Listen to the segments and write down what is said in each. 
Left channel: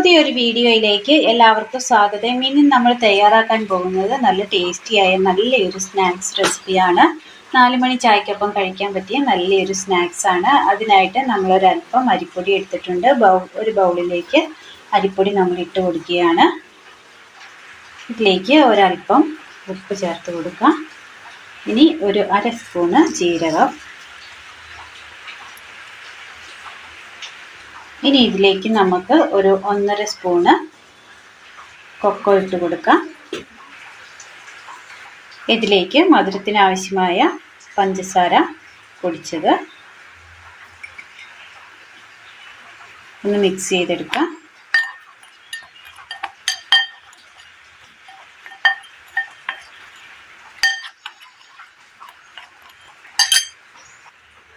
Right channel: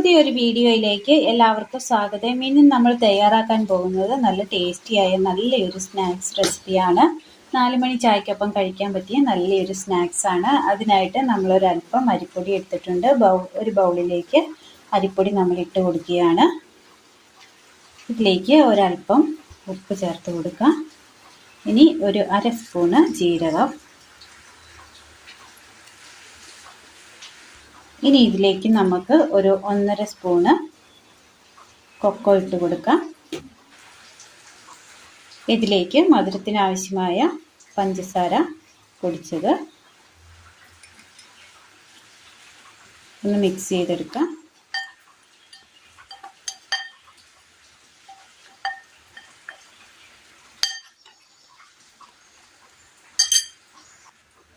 പുതിയൊരു വീഡിയോയിലേക്ക് എല്ലാവർക്കും സ്വാഗതം. ഇനി നമ്മൾ തയ്യാറാക്കാൻ പോകുന്നത് നല്ല ടേസ്റ്റിയായ നല്ലൊരു സ്നാക്സ് റെസിപ്പിയാണ്. 4 മണി ചായക്കൊപ്പം കഴിക്കാൻ പറ്റിയ നല്ലൊരു സ്നാക്സ് ആണ്. അതിനായിട്ട് നമ്മളൊരല്പം അരിപ്പൊടി എടുത്തിട്ടുണ്ട്. ഒരു ബൗളിലേക്ക് അരിപ്പൊടി നമ്മൾ ഇട്ട് കൊടുക്കുകയാണ്. ഇതിലേക്ക് ഒരല്പം ഉപ്പ് ചേർത്ത് കൊടുക്കാം. ഇനി ഒരു 1/2 സ്പൂണ് ജീരകം. ഇനി ഇതിലേക്ക് നമുക്ക് ഒരു 1.5 സ്പൂണ് കൊക്കോ ഇട്ട് കൊടുക്കാം. ഇതിലേക്ക് മധുരത്തിന് ആവശ്യമായ പഞ്ചസാര പൊടിച്ചത് ഒന്ന് മിക്സ് ചെയ്തെടുക്കാം.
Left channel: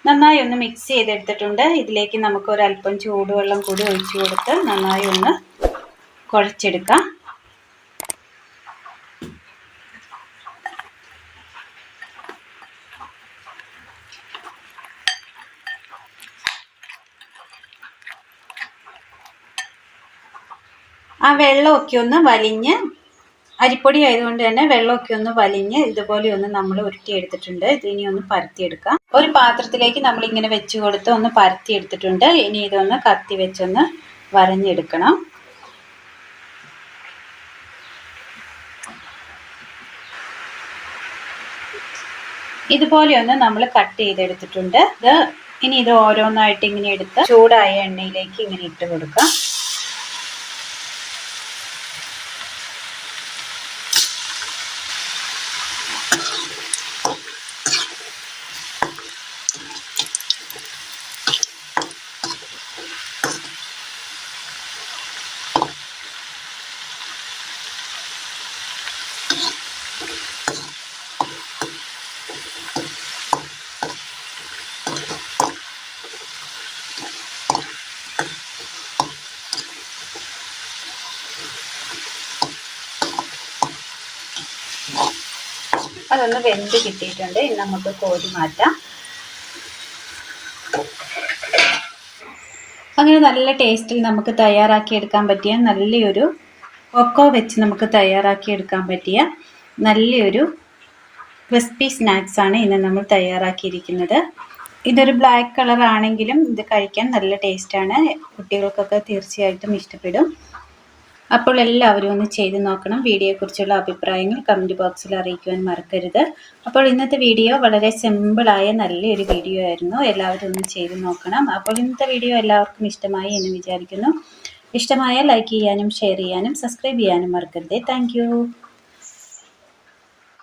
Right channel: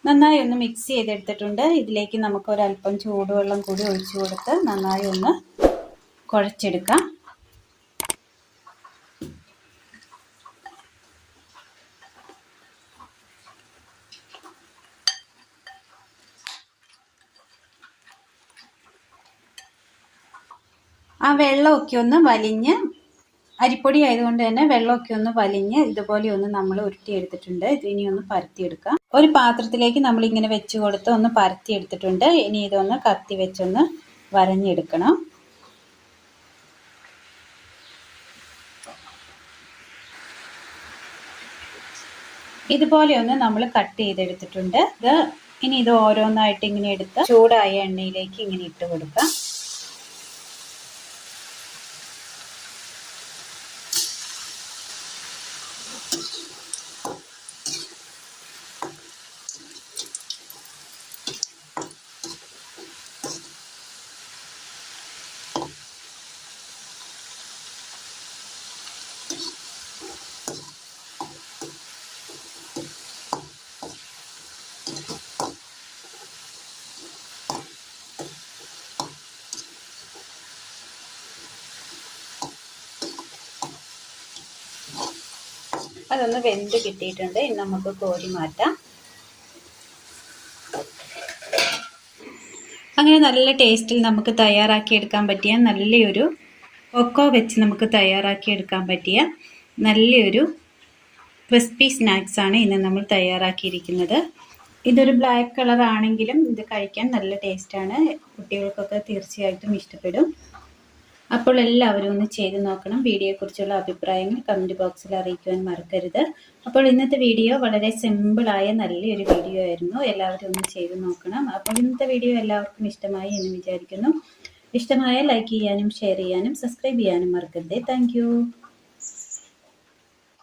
നന്നായി ഒന്ന് മിക്സ് ചെയ്തെടുത്തിട്ടുണ്ട്. ഇതിലേക്ക് നമുക്ക് ഒരല്പം ചൂടുവെള്ളം കൂടി ഒഴിച്ചു കൊടുത്ത് നന്നായി ഒന്ന് കുഴച്ചെടുക്കാം. ആ വെള്ളമൊക്കെ ഒന്ന് വലിഞ്ഞ്, അരിപ്പൊടി ആയതുകൊണ്ട് തന്നെ വെള്ളമൊക്കെ ഒന്ന് വലിഞ്ഞ് ഇതുപോലെ ഒന്ന് നമ്മൾ ഉരുട്ടിയെടുത്തിട്ടുണ്ട്. ഇതിനി ഒന്ന് പരത്തിയെടുക്കാം. ഒരു പാത്രത്തിലേക്ക് നമ്മൾ ഇങ്ങനെ വെച്ച് കൊടുത്ത് ഒന്ന് പരത്തിയെടുത്തിട്ടുണ്ട്. ഇനി ഇതൊന്ന് കത്തി വെച്ചൊന്ന് വരഞ്ഞെടുക്കണം. ഇതുപോലെ ഒന്ന് നമ്മൾ കട്ട് ചെയ്തെടുത്തിട്ടുണ്ട്. ഇനി ഇത് ഓരോന്നായിട്ട് ഇങ്ങനെ എടുത്ത് ചൂടായ എണ്ണയിലേക്ക് ഇങ്ങനെ ഇട്ട് കൊടുക്കാം. അതൊന്ന് വെന്ത് കിട്ടിയിട്ടുണ്ട്. ഇനി നമുക്ക് കോരി മാറ്റാം. അങ്ങനെ നല്ല ടേസ്റ്റിൽ നമുക്ക് തയ്യാറാക്കിയെടുക്കാൻ പറ്റിയ നല്ലൊരു കൊക്കോ വെച്ച് നമുക്ക് തയ്യാറാക്കിയെടുക്കാൻ പറ്റിയ നല്ലൊരു ക്രിസ്പി സ്നാക്സ് ആണ് ഇന്ന് നമ്മൾ തയ്യാറാക്കിയിരിക്കുന്നത്. ഇതൊരു ബ്ലാക്ക് കളർ ആണെങ്കിലും ഇത് കഴിക്കാൻ നല്ല ടേസ്റ്റാണ്. കുട്ടികൾക്കൊക്കെ തീർച്ചയായിട്ടും ഇഷ്ടപ്പെടും. അപ്പോൾ എല്ലാവരും ഒന്ന് ചെയ്ത് നോക്കണം. വീഡിയോയെക്കുറിച്ചുള്ള അഭിപ്രായങ്ങൾ കമൻറ്റ് ബോക്സിൽ അറിയിക്കുവാൻ മറക്കരുത്. അപ്പോൾ ഇന്നത്തെ വീഡിയോ വളരെ സിമ്പിളായ നല്ലൊരു വീഡിയോ ആയിരുന്നു. എല്ലാവരും ഒന്ന് ചെയ്ത് നോക്കണം. അപ്പോൾ ഇന്നത്തെ വീഡിയോ എല്ലാവർക്കും ഇഷ്ടമായി എന്ന് വിചാരിക്കുന്നു. ഇഷ്ടമായ ലൈക്ക് ചെയ്യാനും ഷെയർ ചെയ്യാനും സബ്സ്ക്രൈബ് ചെയ്യാനും മറക്കരുത്. താങ്ക്